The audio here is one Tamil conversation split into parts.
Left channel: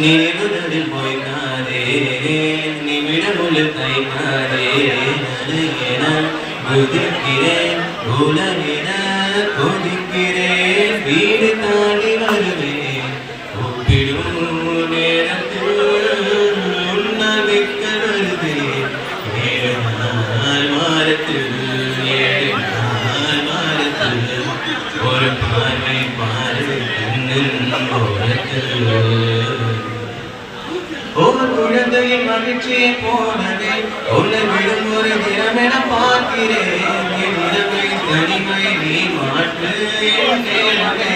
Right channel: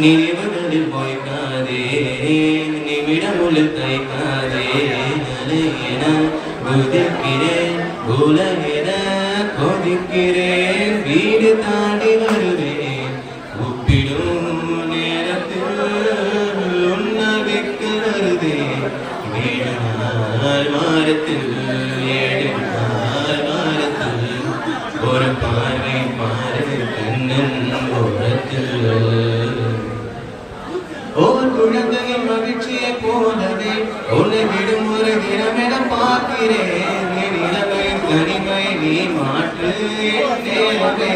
நினைவுகளில் மொய்க்காதே நிமிடமுள்ளில் கைக்காதே என குதிக்கிறேன் உலகின கொதிக்கிறேன் வீடு தாண்டி வருவேன் ஒப்பிடும் நேரத்தில் உன்னால் விற்க வருவேன் 7 நாள் வாரத்தில் 7 நாள் வாரத்தில் ஒரு பார்வை பார்வை கண்ணின் ஓரத்தில் ஒரு குழந்தையின் மகிழ்ச்சியை போலவே உன்னை விடுமுறை தினமென பார்க்கிறேன் என் இரவை தனிமை நீ மாற்று தேவவே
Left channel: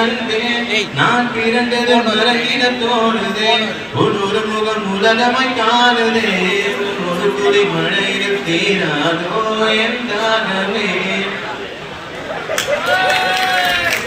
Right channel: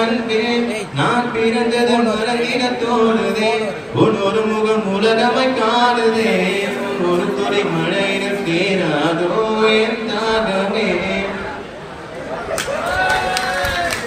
அன்பே நான் பிறந்தது மறக்கிட தோணுதே ஒரு முகம் உலகமாய் காணுதே ஒரு துளி மழையிலும் தீரா